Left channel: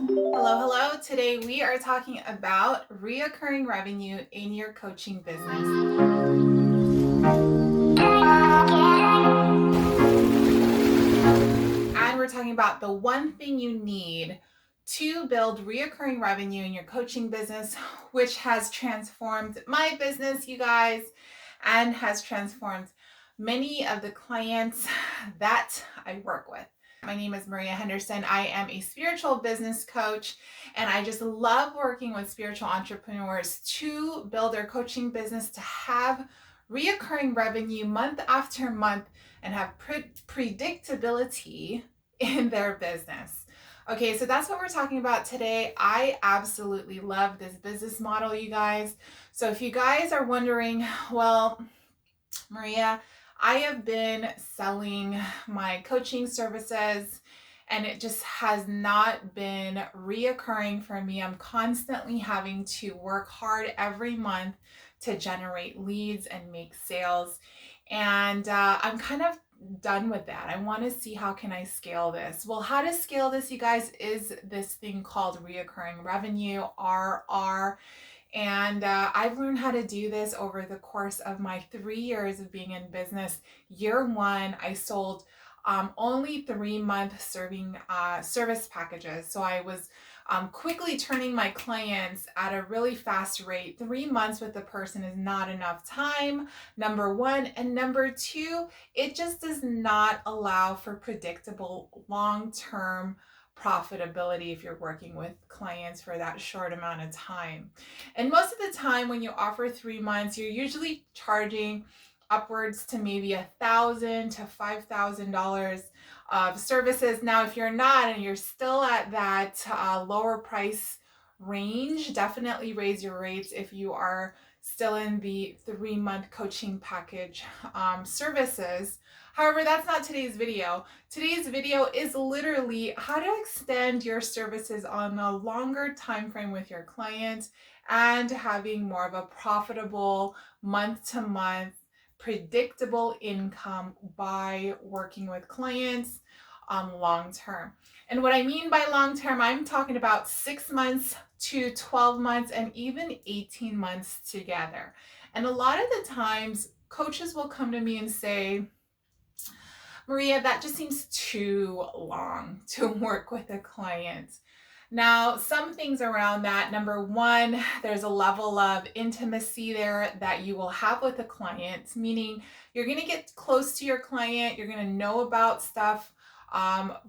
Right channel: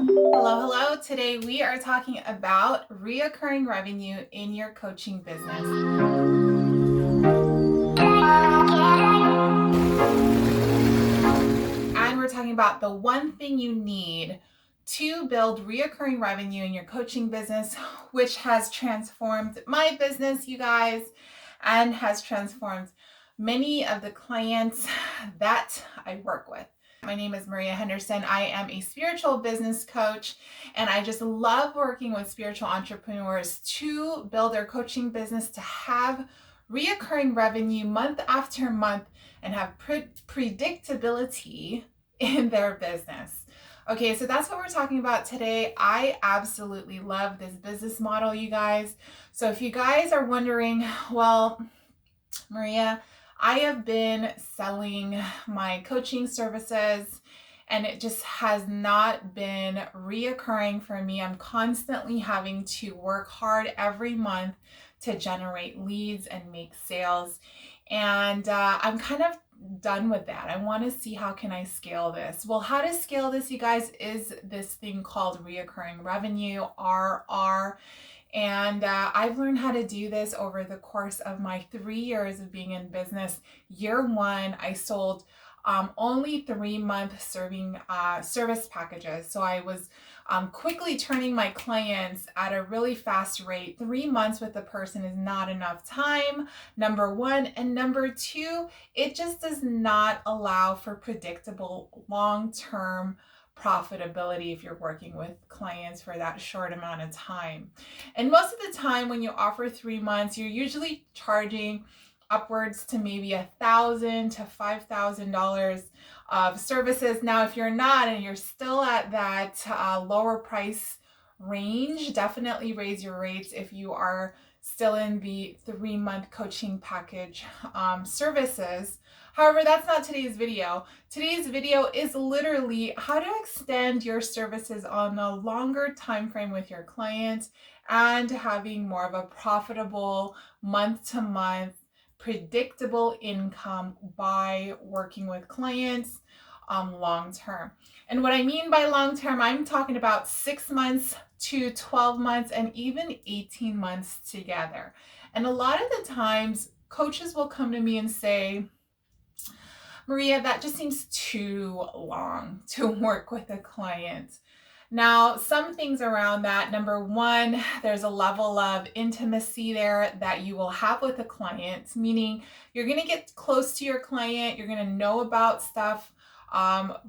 Hello, hello. Today we are talking about reoccurring revenue in your coaching business. And we're talking about the one thing you need to build reoccurring revenue in your coaching business, which has transformed my business, you guys, and has transformed many of the clients that I work with. My name is Maria Henderson. I am a spiritual business coach, and I just love working with spiritual entrepreneurs to build their coaching business, to have reoccurring revenue month after month, and have predictability in their business. Okay, so that's what we're talking about today. I absolutely love this business model, you guys. So if you guys are wondering, well, Maria, I have been selling my coaching services and it just has not been reoccurring for me. I'm constantly having to work hard every month to generate leads and make sales. And I'm kind of done with that. I want to see how can I scale this. Well, how to scale this, you guys, is this thing called reoccurring revenue, RR. And I've learned how to do this over the course of my 3 years of being in business. Year one, I sold only 3-month service packages. So I was quickly turning my clients at a really fast rate. 3 months with a person is not enough time, number one. And number two, it just does not allow for predictable long-term profitability if you're working with clients for that short amount of time. And most of the time when you offer 3 months, you're usually charging upwards to maybe $1,000 to $5,000 of services. Now, if you're not and you're still at that lower price range, definitely raise your rates if you are still in the 3-month coaching package services. However, that's not today's video. Today's video is literally how to extend your services on a longer time frame with your clients and having more of a profitable month-to-month predictable income by working with clients long term. And what I mean by long term, I'm talking about 6 months to 12 months and even 18 months together. And a lot of the times, coaches will come to me and say, Maria, that just seems too long to work with a client. Now, some things around that. Number one, there's a level of intimacy there that you will have with a client, meaning you're going to get close to your client. You're going to know about stuff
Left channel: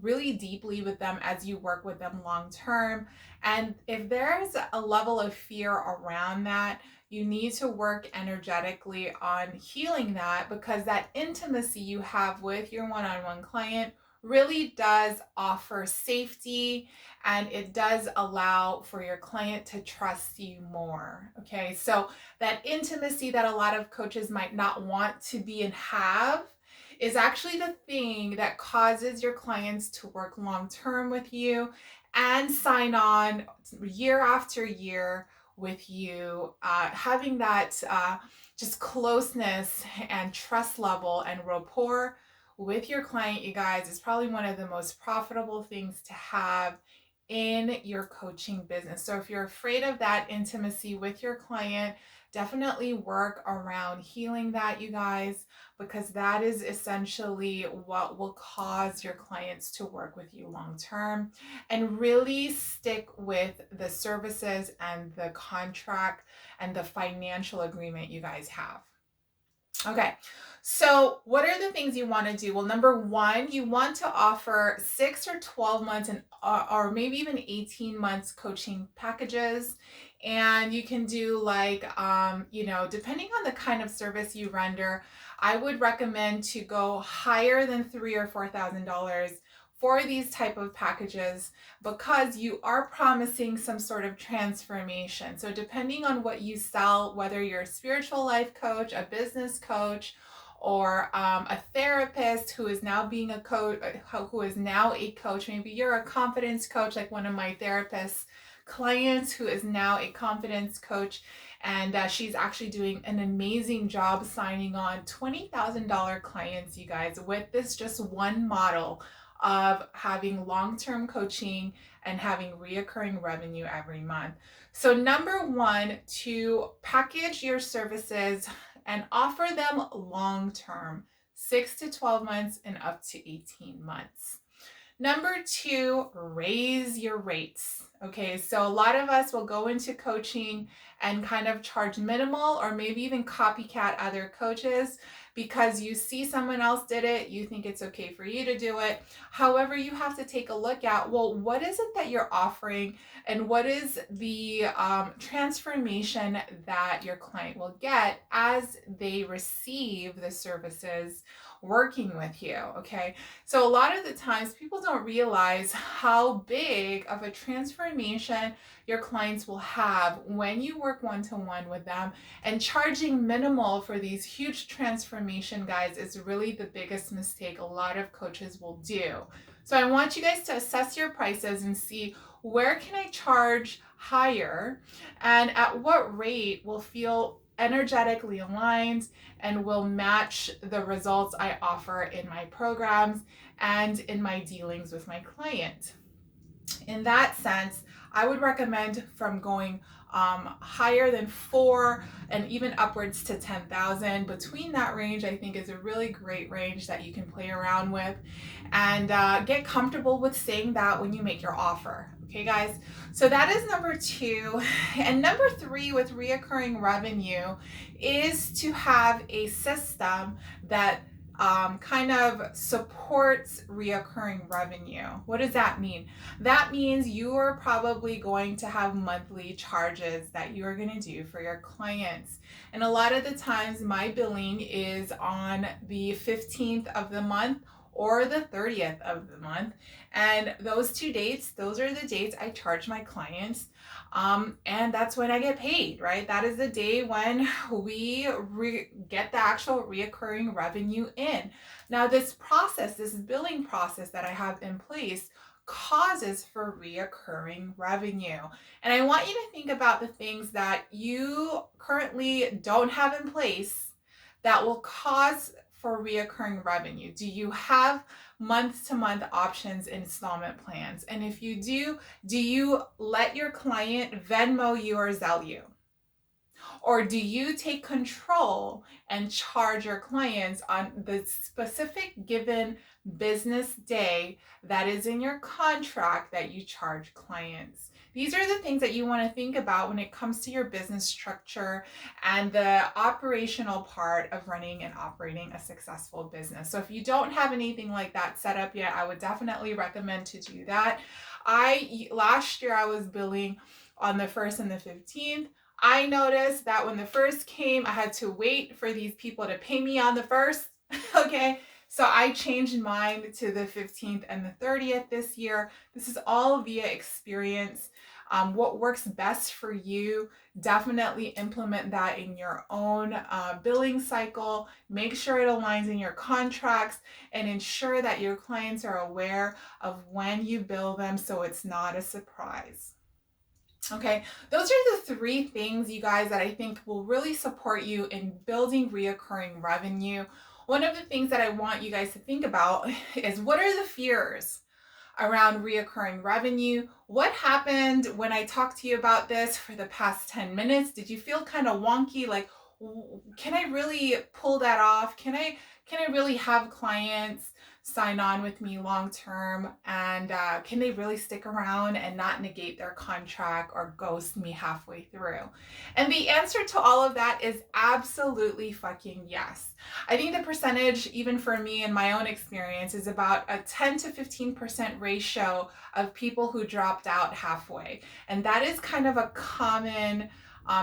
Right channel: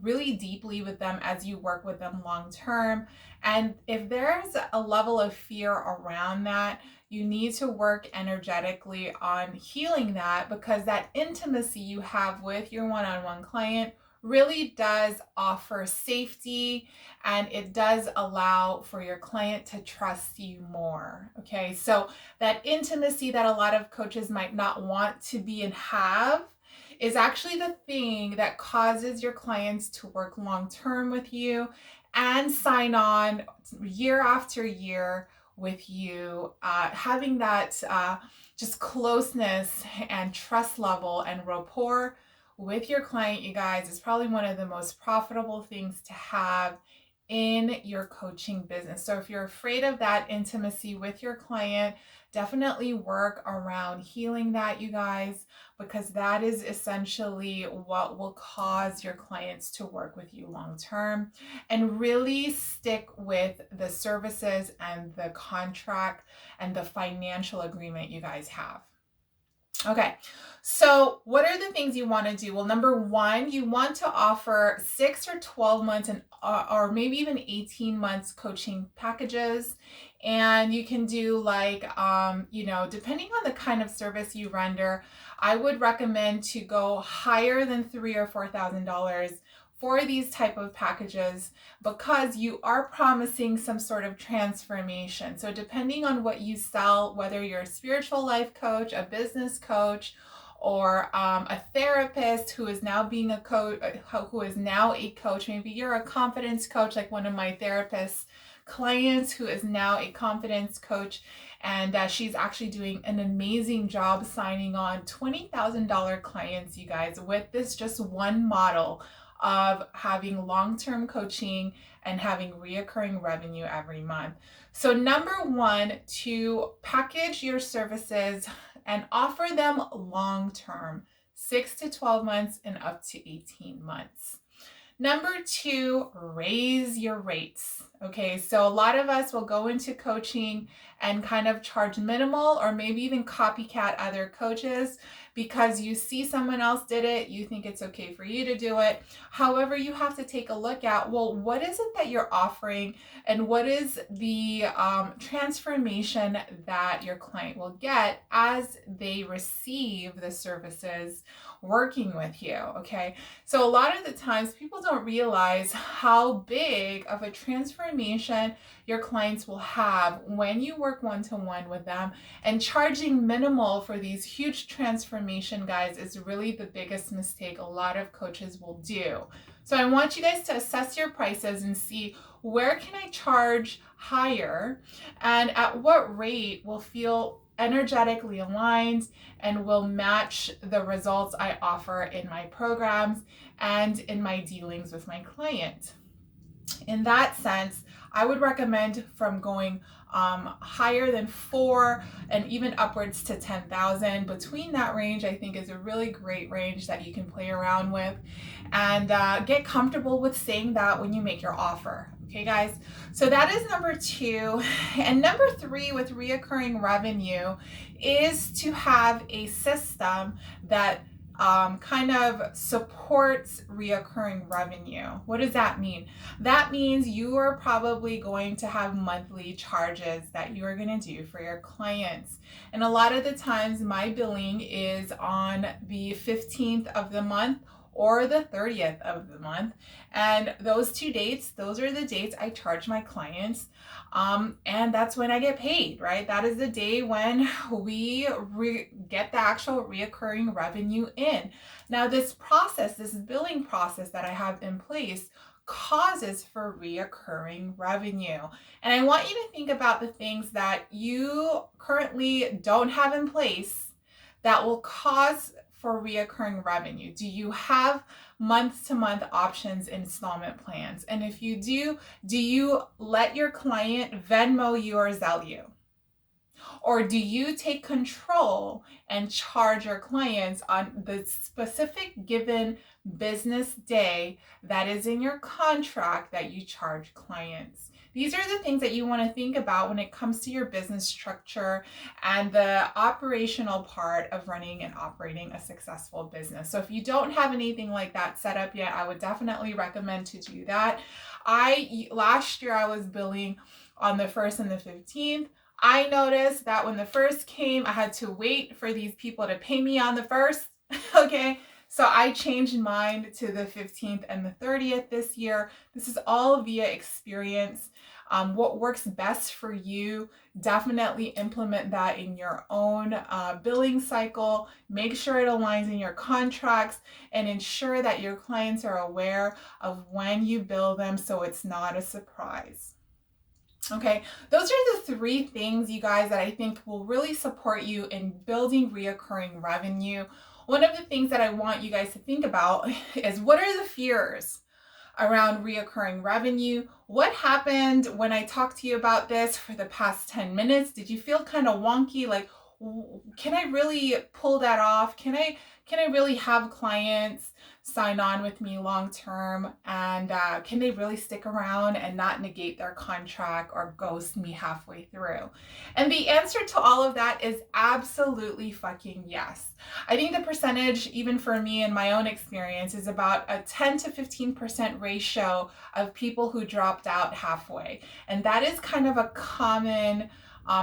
really deeply with them as you work with them long term. And if there's a level of fear around that, you need to work energetically on healing that, because that intimacy you have with your one-on-one client really does offer safety, and it does allow for your client to trust you more. Okay, so that intimacy that a lot of coaches might not want to be and have is actually the thing that causes your clients to work long term with you and sign on year after year with you. Having that just closeness and trust level and rapport with your client, you guys, is probably one of the most profitable things to have in your coaching business. So if you're afraid of that intimacy with your client, definitely work around healing that, you guys, because that is essentially what will cause your clients to work with you long term, and really stick with the services and the contract and the financial agreement you guys have. Okay, so what are the things you want to do? Well, number one, you want to offer 6 or 12 months and or maybe even 18 months coaching packages. And you can do like, depending on the kind of service you render, I would recommend to go higher than $3,000 or $4,000 for these type of packages, because you are promising some sort of transformation. So depending on what you sell, whether you're a spiritual life coach, a business coach, or a therapist who is now being a coach, who is now a coach, maybe you're a confidence coach, like one of my therapists clients who is now a confidence coach, and she's actually doing an amazing job signing on $20,000 clients, you guys, with this just one model of having long-term coaching and having reoccurring revenue every month. So number one, to package your services and offer them long-term, 6 to 12 months and up to 18 months. Number two, raise your rates. Okay, so a lot of us will go into coaching and kind of charge minimal or maybe even copycat other coaches because you see someone else did it, you think it's okay for you to do it. However, you have to take a look at, well, what is it that you're offering and what is the transformation that your client will get as they receive the services working with you, okay? So a lot of the times people don't realize how big of a transformation your clients will have when you work one-to-one with them, and charging minimal for these huge transformation, guys, is really the biggest mistake a lot of coaches will do. So I want you guys to assess your prices and see, where can I charge higher and at what rate will feel energetically aligned and will match the results I offer in my programs and in my dealings with my client. In that sense, I would recommend from going higher than 4 and even upwards to 10,000. Between that range, I think, is a really great range that you can play around with, and get comfortable with saying that when you make your offer. Okay, guys, so that is number two. And number three with reoccurring revenue is to have a system that kind of supports reoccurring revenue. What does that mean? That means you are probably going to have monthly charges that you are going to do for your clients. And a lot of the times my billing is on the 15th of the month or the 30th of the month. And those two dates, those are the dates I charge my clients. And that's when I get paid, right? That is the day when we get the actual reoccurring revenue in. Now, this process, this billing process that I have in place, causes for reoccurring revenue. And I want you to think about the things that you currently don't have in place that will cause for reoccurring revenue. Do you have month-to-month options installment plans? And if you do you let your client Venmo you or Zelle you? Or do you take control and charge your clients on the specific given business day that is in your contract that you charge clients? These are the things that you want to think about when it comes to your business structure and the operational part of running and operating a successful business. So if you don't have anything like that set up yet, I would definitely recommend to do that. Last year I was billing on the 1st and the 15th. I noticed that when the 1st came, I had to wait for these people to pay me on the 1st. Okay. So I changed mine to the 15th and the 30th this year. This is all via experience. What works best for you, definitely implement that in your own billing cycle. Make sure it aligns in your contracts and ensure that your clients are aware of when you bill them so it's not a surprise. Okay, those are the 3 things, you guys, that I think will really support you in building reoccurring revenue. One of the things that I want you guys to think about is, what are the fears around reoccurring revenue? What happened when I talked to you about this for the past 10 minutes? Did you feel kind of wonky? Like, can I really pull that off? Can I really have clients sign on with me long term, and can they really stick around and not negate their contract or ghost me halfway through? And the answer to all of that is absolutely fucking yes. I think the percentage, even for me in my own experience, is about a 10 to 15% ratio of people who dropped out halfway. And that is kind of a common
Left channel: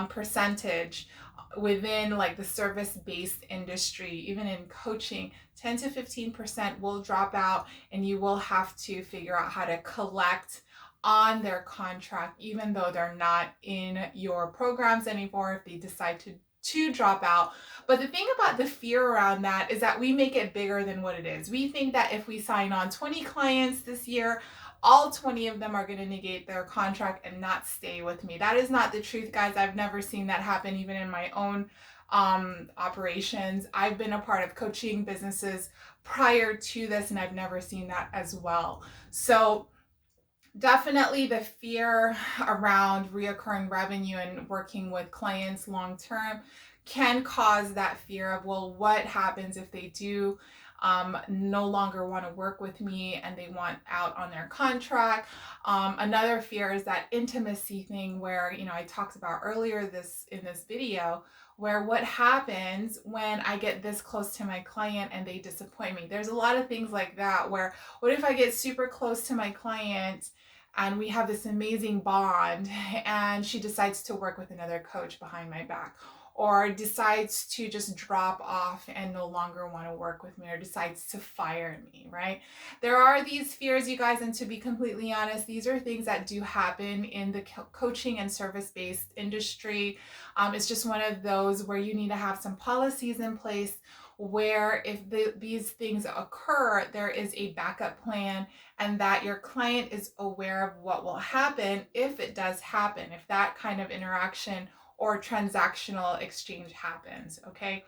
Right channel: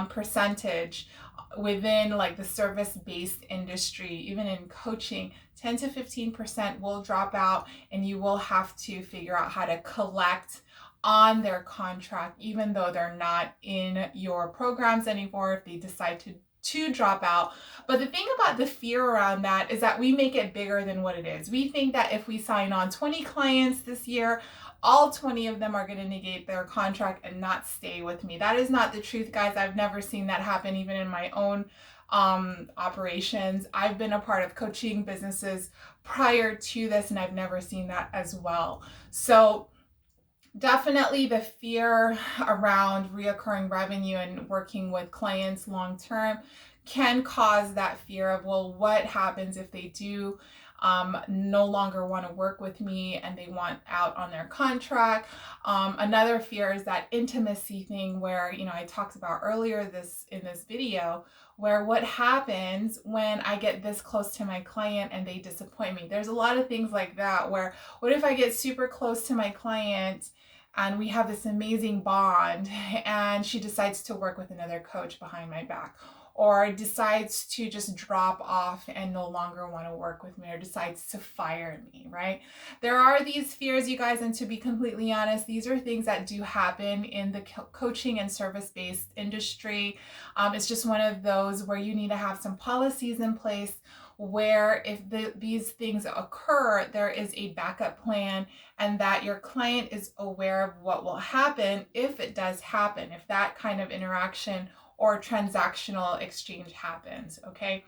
percentage within like the service-based industry. Even in coaching, 10 to 15% will drop out, and you will have to figure out how to collect on their contract, even though they're not in your programs anymore, if they decide to drop out. But the thing about the fear around that is that we make it bigger than what it is. We think that if we sign on 20 clients this year, all 20 of them are going to negate their contract and not stay with me. That is not the truth, guys. I've never seen that happen, even in my own operations. I've been a part of coaching businesses prior to this, and I've never seen that as well. So definitely the fear around reoccurring revenue and working with clients long term can cause that fear of, well, what happens if they do no longer want to work with me and they want out on their contract. Another fear is that intimacy thing where, I talked about earlier in this video, where what happens when I get this close to my client and they disappoint me. There's a lot of things like that where, what if I get super close to my client and we have this amazing bond and she decides to work with another coach behind my back, or decides to just drop off and no longer want to work with me, or decides to fire me, right? There are these fears, you guys, and to be completely honest, these are things that do happen in the coaching and service-based industry. It's just one of those where you need to have some policies in place where if these things occur, there is a backup plan, and that your client is aware of what will happen if it does happen, if that kind of interaction or transactional exchange happens, okay?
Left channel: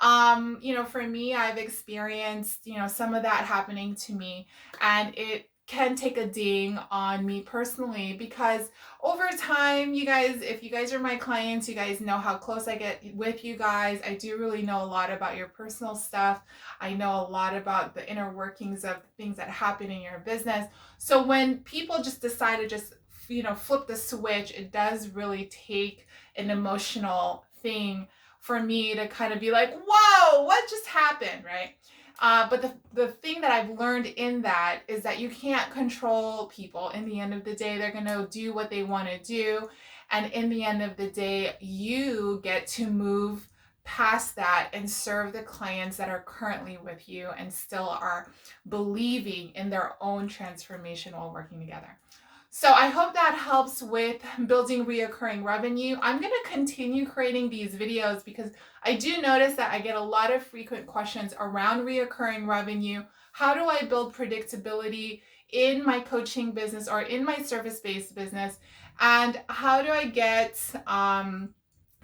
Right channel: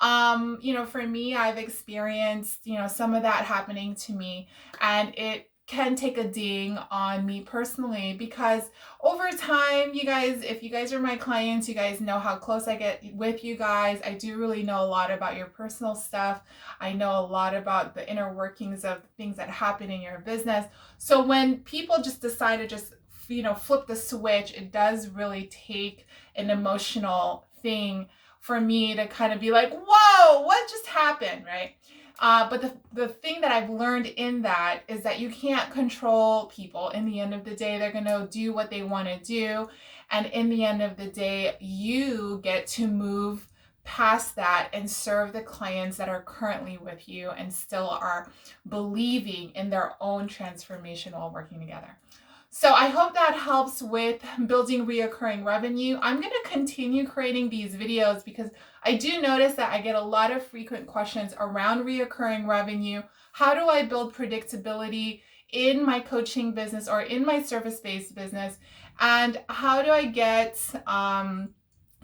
For me, I've experienced, some of that happening to me, and it can take a ding on me personally, because over time, you guys, if you guys are my clients, you guys know how close I get with you guys. I do really know a lot about your personal stuff. I know a lot about the inner workings of things that happen in your business. So when people just decide to just flip the switch, it does really take an emotional thing for me to kind of be like, whoa, what just happened, right? But the thing that I've learned in that is that you can't control people. In the end of the day, they're going to do what they want to do. And in the end of the day, you get to move past that and serve the clients that are currently with you and still are believing in their own transformation while working together. So I hope that helps with building reoccurring revenue. I'm going to continue creating these videos because I do notice that I get a lot of frequent questions around reoccurring revenue. How do I build predictability in my coaching business or in my service-based business? And how do I get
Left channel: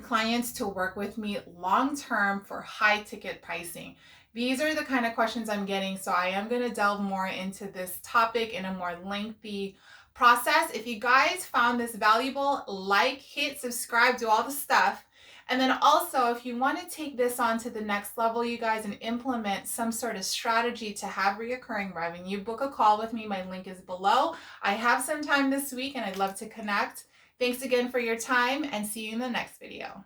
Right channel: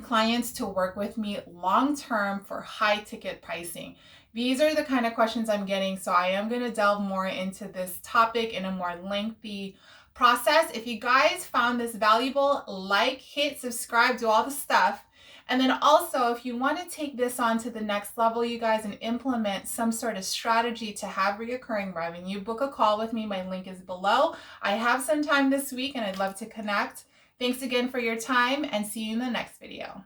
clients to work with me long-term for high-ticket pricing? These are the kind of questions I'm getting. So I am going to delve more into this topic in a more lengthy process. If you guys found this valuable, like, hit subscribe, do all the stuff. And then also, if you want to take this on to the next level, you guys, and implement some sort of strategy to have reoccurring revenue, book a call with me. My link is below. I have some time this week and I'd love to connect. Thanks again for your time, and see you in the next video.